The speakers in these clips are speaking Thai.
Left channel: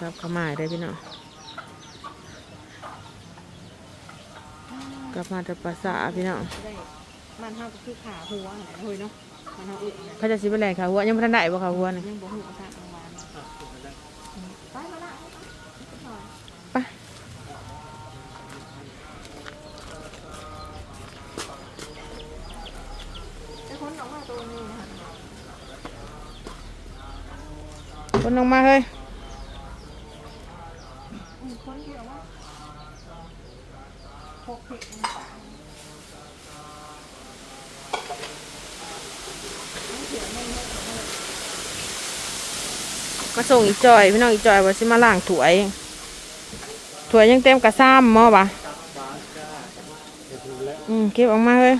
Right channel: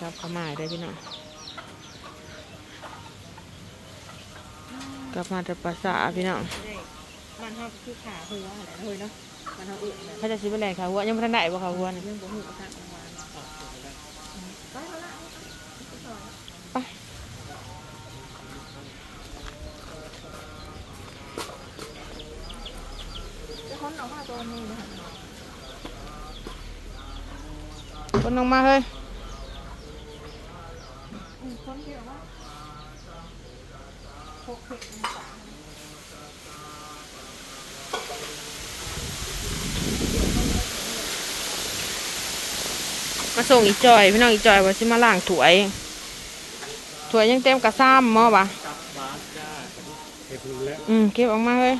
กลับเข้ามาได้อพี่น้องกลับมาแต่ภาษาพี่น้องได้มันเท่าก็คือขาหัวอะไรเฮ้ยเนาะมันเท่าอื่นนะเขาจะสิเป็นแหล่งข่าวหัวยังไม่ทันได้บ่ข่าวหัวนี่ยังบ่หูภาษาอังกฤษไปจะค้นออกมาตัวนี้ค่ะคนลงมาเฮ้ยอืม ค้นที่ออกมาหกเผ็ดมันปากก็ส่งอีจอย พี่น้องอีจอยว่าสิมาล้างถ้วยถ้วยยังเต็มกระซ้ำหม้อปะอืมเก็บออกมาเฮ้ย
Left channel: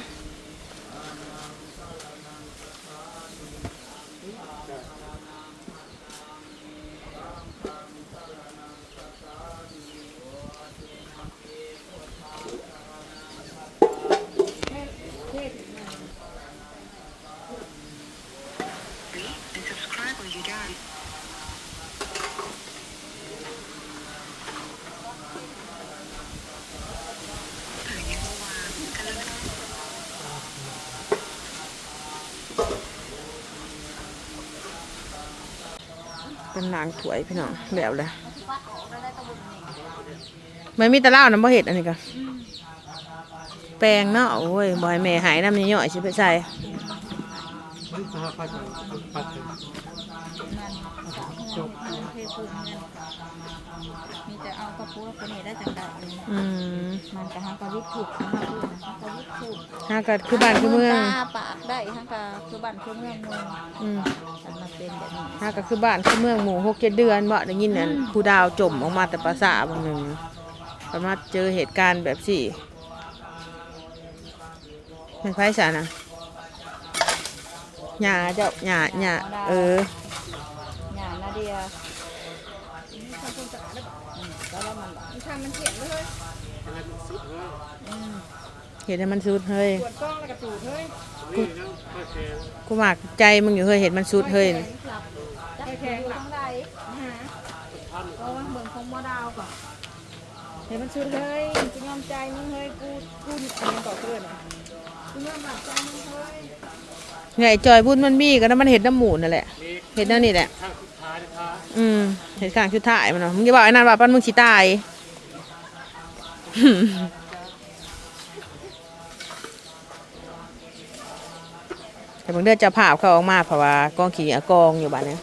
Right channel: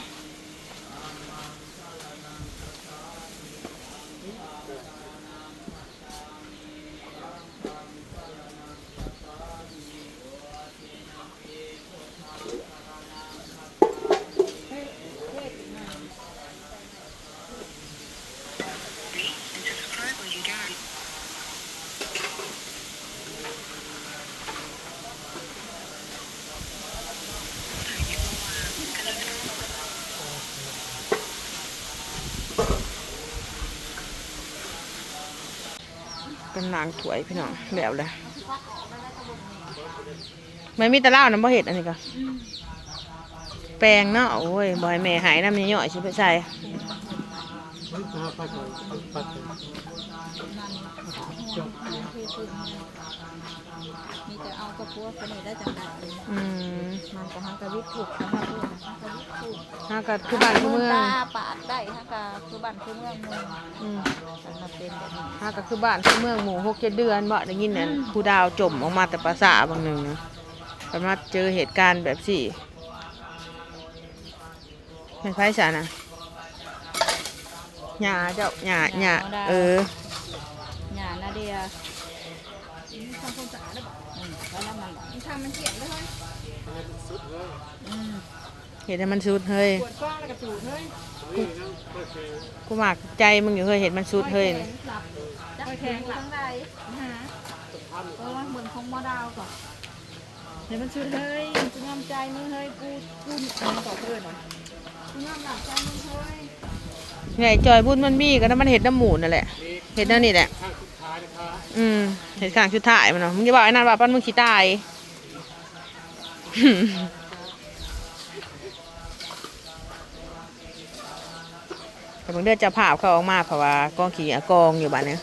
เป็นล้างถ้วยพี่น้องแล้วเลยไม่มีแตะล่าวน้ำบ่เห็ดอันนี้กันแปลงเนาะโอ้ยบอยแม่หายน้ำย่อยๆชิไปใส่ มันจะไปไปไปไปมีแต่เอากระปุกตัวนี้ได้จังได้อืมมันจะทั้งกระลุกถูกทั้งกระลุกทั้งกระลุกถูกถ้าก็คือบ้านคือเมืองปาดได้ทั้งกระคือบ้านคือเมืองเมืองอืมแต่มันเป็นแบบนี้ถ้าก็คือบ้านคือเมืองหมู่หกเจ็ดเดือนบ่ได้ยินเนี่ยผู้ดาวจมออกมาแต่ภาษาบางหนึ่งนะประมาณเจอเหตุการณ์แบบสี่เป็นไพ่สานะ หยาเจ้าหยาหยาเอองานนาเดียอืมแล้วมันมันทำมันเขียนเลยอืมเห็นให้มันสุดเฮ้ยปวดก้อนแล้วกระตูดเลยกูหมากใจมึงอยู่เฮ้ยเห็นมันสุดเฮ้ยจับแขนทั้งใดเราว่าเหมือนของมอดาวก่อนเห็นมันชุดเลยจะยอมใจมึงเฮ้ยกูกูอันนี้ก่อนเพื่อนกูยอมหลับใจมึงเฮ้ย ไงจอยพูดมันมีก็น้ำมันเห็ดน้ำหมูนั่นแหละเห็ดนั่นนี่แหละข้างสุดท้ายนะคะอืมเห็ดข้างชุดถ่ายมันเนาะมึงจะบอกไอ้นั่นว่าปั้นมึงขี้ตายแต่บางเดือนจะผ่าเขาออกมาเพราะว่ากองขี้อะกองอยู่บ้านเนี้ย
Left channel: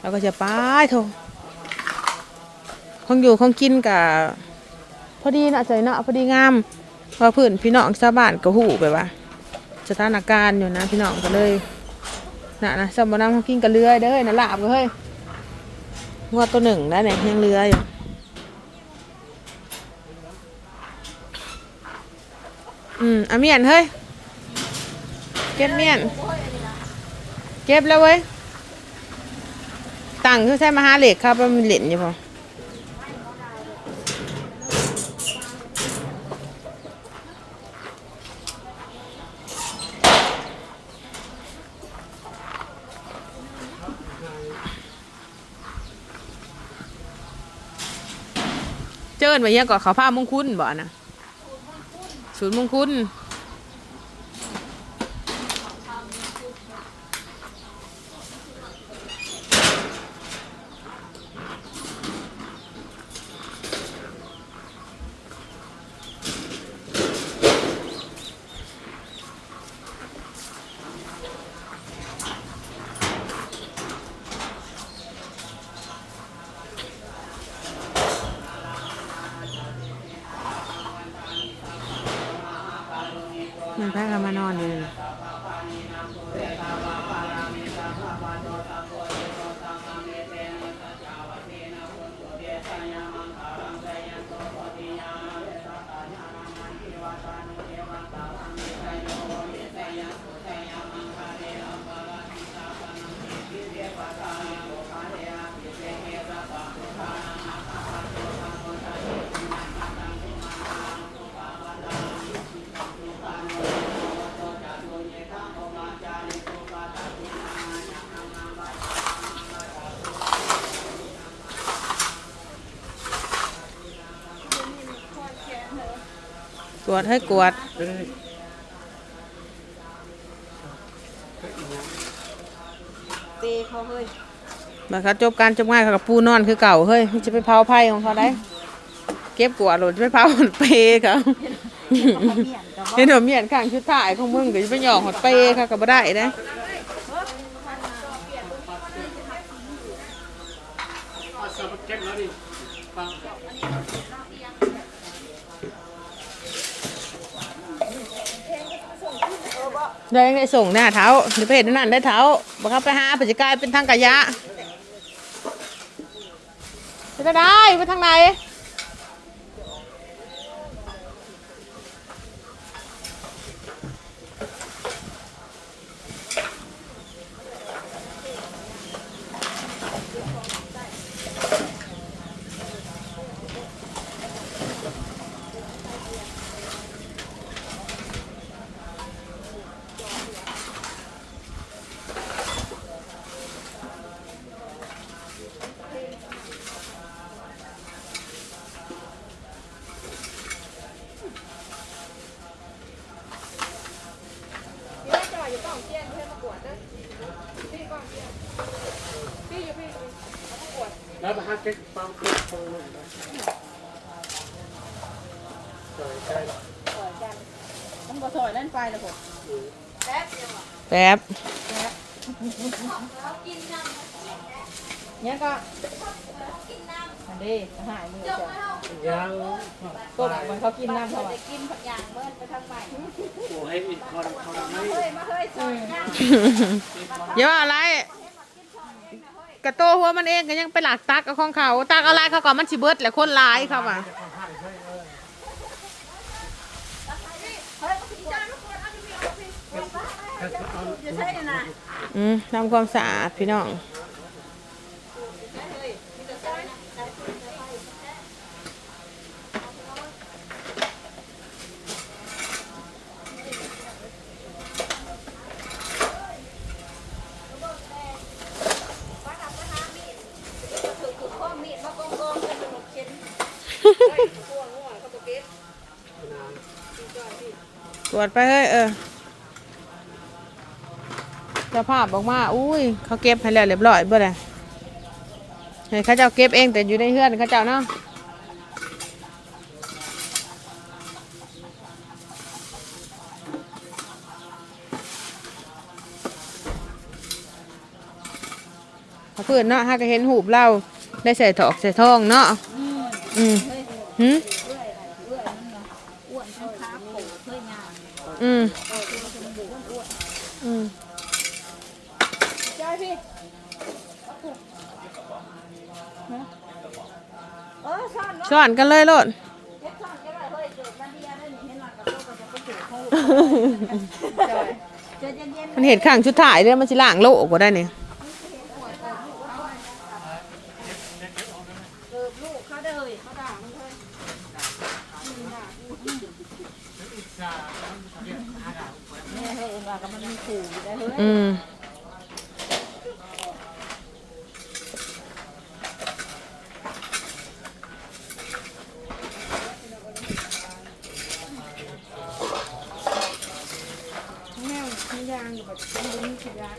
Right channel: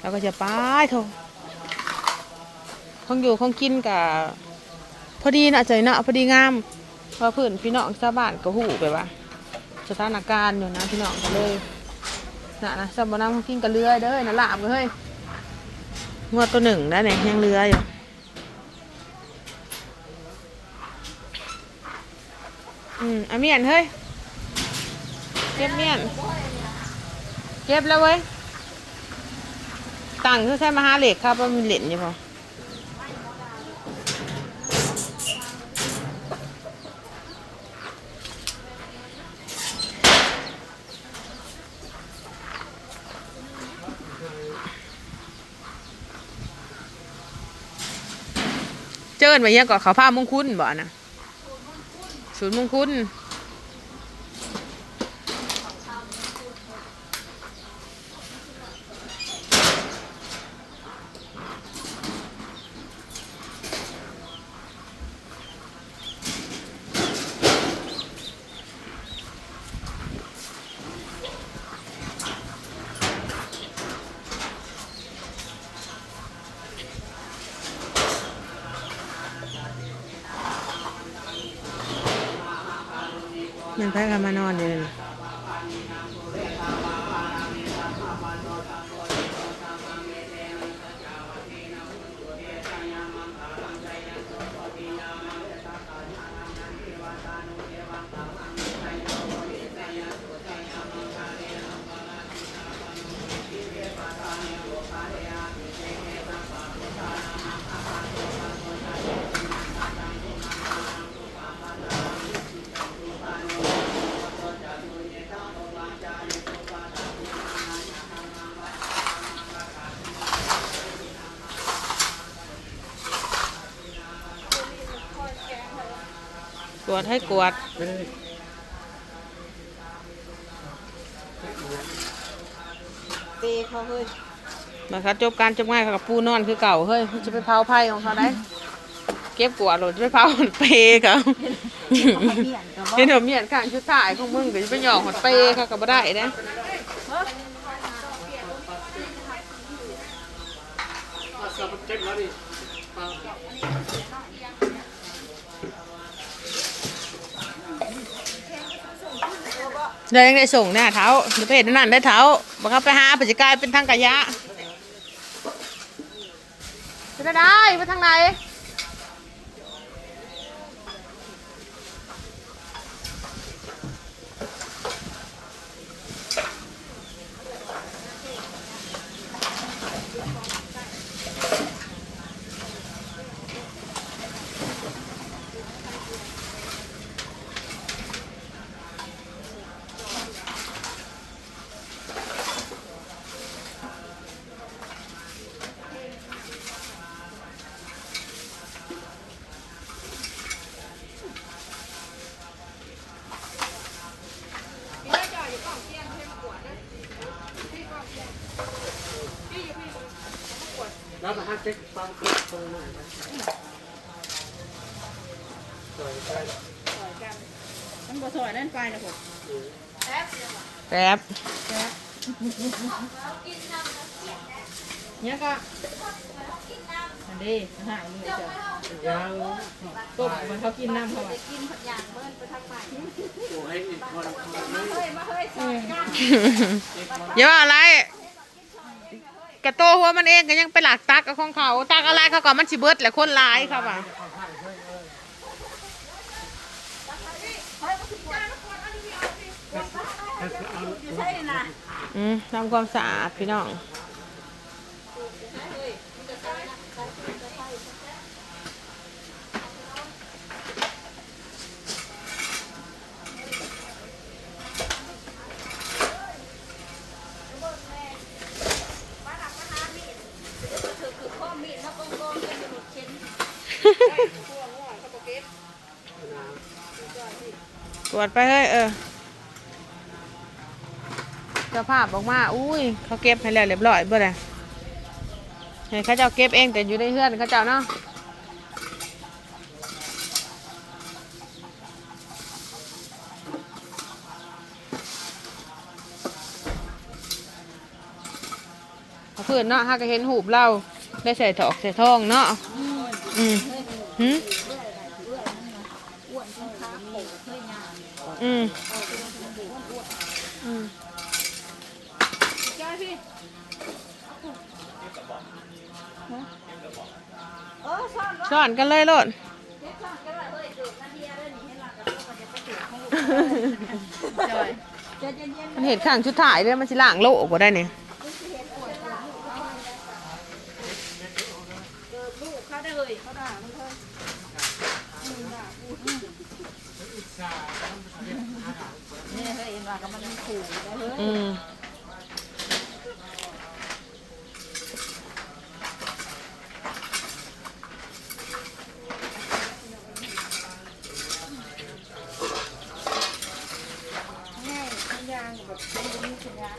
เราก็จะไปทงของอยู่ของกินกับพอดีนะใจเนาะพอดีงามเพราะพื้นพี่น้องชาวบ้านก็หูไปว่า สถานการณ์อยู่นะพี่น้องก็เลยน่ะนะสมบัตินั่งกินกับเรือเด้อนะลาบเลยเฮ้ยงวดตัวหนึ่งได้ไหนยังเรืออยู่อืมเอาเมียนเฮ้ยเก็บเมียนเก็บแล้วเว้ยตังค์คือใช้มาหาเหล็กครับว่ามีเหล็กอยู่พอ เจิญไปยังก่อนเขาผ้ามงคุดบ่นะศูนย์มงคุด แพ้กันมานอนอยู่เลย ดให้กวดไม่ได้ตีเขาเฮ้ยนะคะจบการจบง่ายเขากับปูนอนคือเก่าเฮ้ยจะไปเผาไผ่ของเขาได้ เก็บกวาดหรือจะไปเผาเปเขาเหียนกับว่าเห็นหนมเมียนข้างชุดถ่ายของมึงเดี๋ยวจะไปหยอกหอดเปเขาก็บ่ได้นะ เอาสมุดเก็บแล้วดิฟัง เดี๋ยวยังได้ส่งหน้าเท้าเดี๋ยวไปเห็นนั่นได้เท้าบังคับไปหาปัจจกายเป็นทางกายะไปได้ไปทางไหน แล้วมาหาเก็บฟังเก็บตรงไหนนะจอยใช่ต้องบ่ซอยนั่นไปนะผมแป๊บเนี่ยก็อันนี้หายเลยจ้ะยังต้มมันเขากินน้ำเขาอะโอ้ให้อีกคนเขาไม่อย่าว่าอะไร กระโตหัวมันเองก็ยังไปหลักตักเอาของเขาตักอะไรเขาก่อนมันสิเบิดแหละคนร้ายเขาไปอืมทำความสะอาดพี่น้อง ตรวจไปเฮ้ยเออเจ้าภาพบอกมาอุ้ย เขาเก็บให้แล้วเรียบร้อยเบ่ล่ะให้เขาเจ้าเก็บเองแต่อยู่ในเฮือนเขาเจ้าเนาะเขาคืนเนาะฮาก็เห็นหูบเราได้ใส่ถอกใส่ทองเนาะอืมหืม อ้วนทั้งขาโผล่เคยงาม อืม อืมเจ้าพี่เออซ่อนสอนกันเลยโลดจะเย็นเย็นมันเห็นข้างชุดถ่ายเนี่ยมันสิล่างโลกกว่าได้เนี่ย ได้เฮ้ย อืม แม่ทุกอย่างแบบมันมีขยะ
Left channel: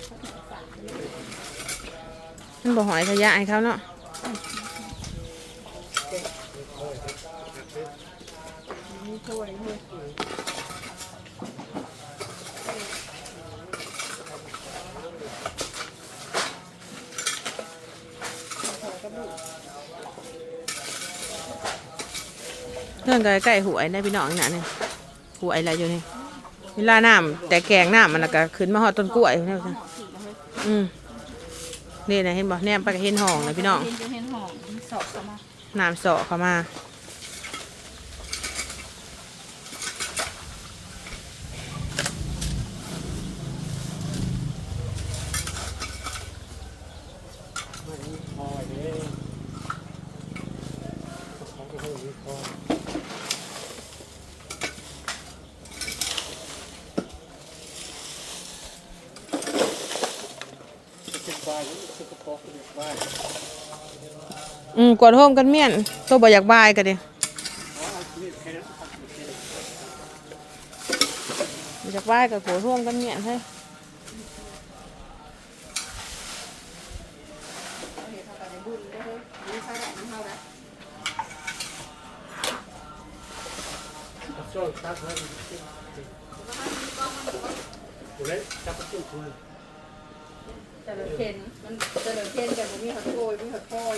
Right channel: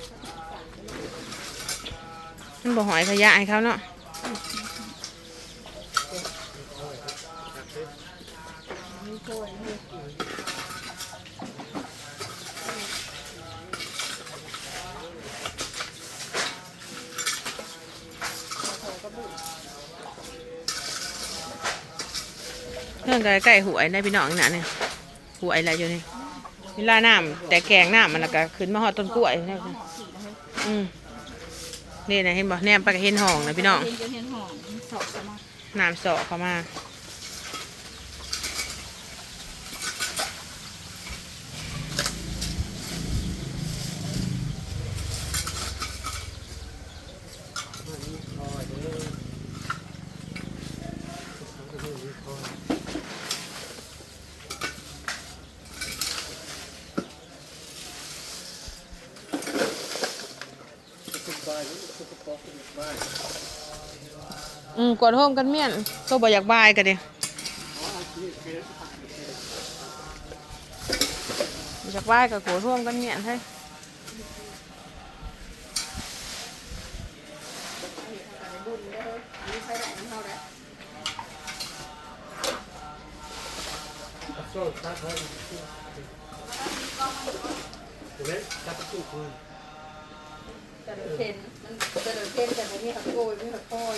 มันบ่หอยขยะให้เขาเนาะ เรื่องใกล้ๆหวยได้พี่น้องนี่นะเนี่ยหวยอะไรอยู่นี่เวลาน้ำแต่แกงน้ำมันแล้วก็ขึ้นมาหอดต้นกล้วยนี่อืมนี่นะเห็นบ่แนมไปก็เห็นห้องนะพี่น้องเห็นจะเห็นหอมสอบสมาน้ำเสาะเข้ามา มันมีคอยเด้เขาจะมีคอยสุขบายสุขปอกสุขบาย อืม กวาดห้องกันเมี่ยนตัวบ่อยากบายกันเดียอ๋อเอาที่แค่จากไหว้กับโกร่วมกันเนี่ยให้โซ่ชาร์จไว้เดี๋ยวจับประตูคืนแต่เราเข็นมันแต่เราเข็นแต่ผมมีหักโกยมีหักโกย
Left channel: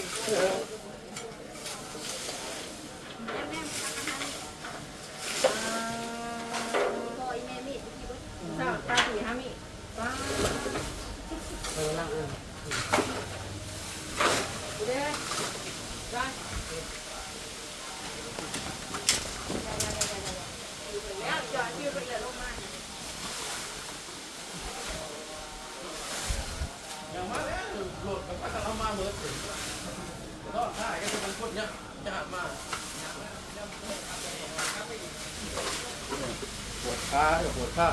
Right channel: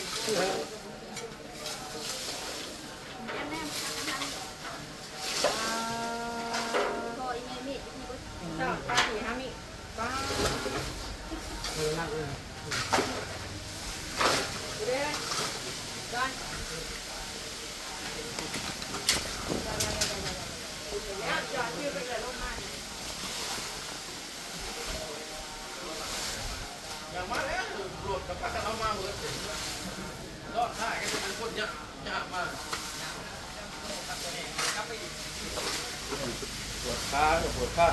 สามตาสี่ห้ามิ เออนั่งเลย เด้จ้า ขาปวดขา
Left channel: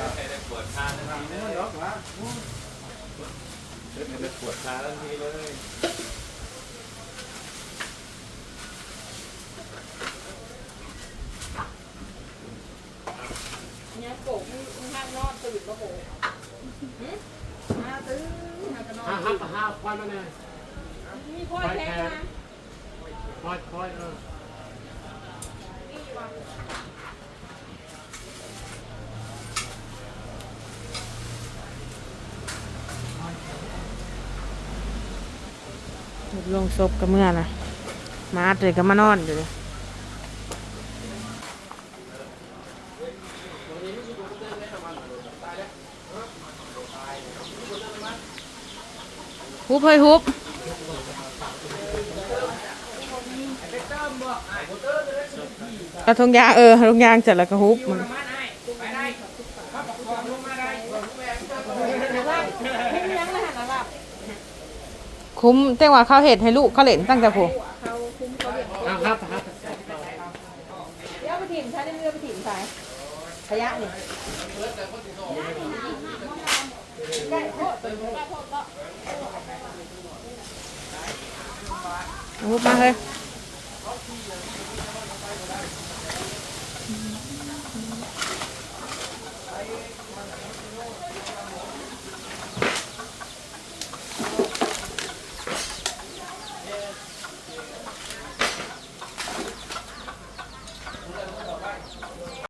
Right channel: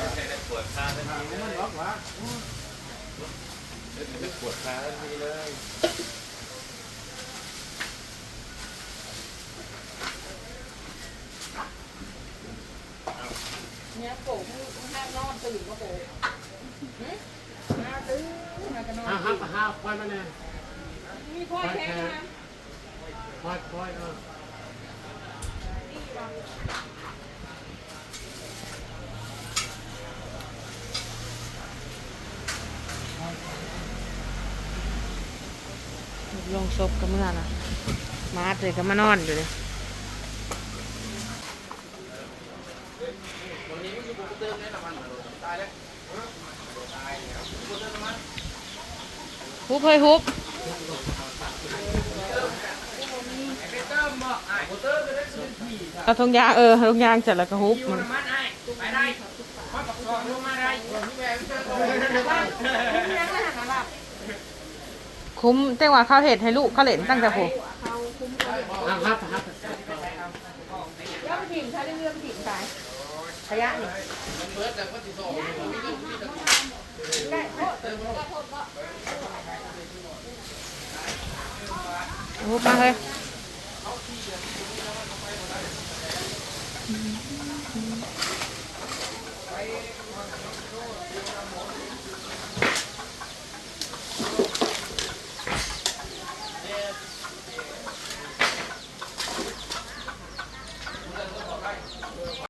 ปวดขาทันทีเลยล็อกวะปวดขาทันทีเลย เนี่ยโป่งมึงมึงห้ามนอนตื่นก็โป่งห้าตื่นมากระนอ ห้านห้าห้า ควายมาแน่มีพ่อแท้นะควายควายเออลงศพกันเมื่อนะมาเลยก็มานอนอยู่เลย บเฮ้ยฮุบเอาทงยางเออทงยางเสร็จแล้วก็ฮุบมันคุ้มเต้งว่าเขาเห็ดให้ลูกเขาเล่นตั้งแต่ผมครื่องถิ่นใช้เรื่องถิ่นใช้ขยะนี่ฮุ บมา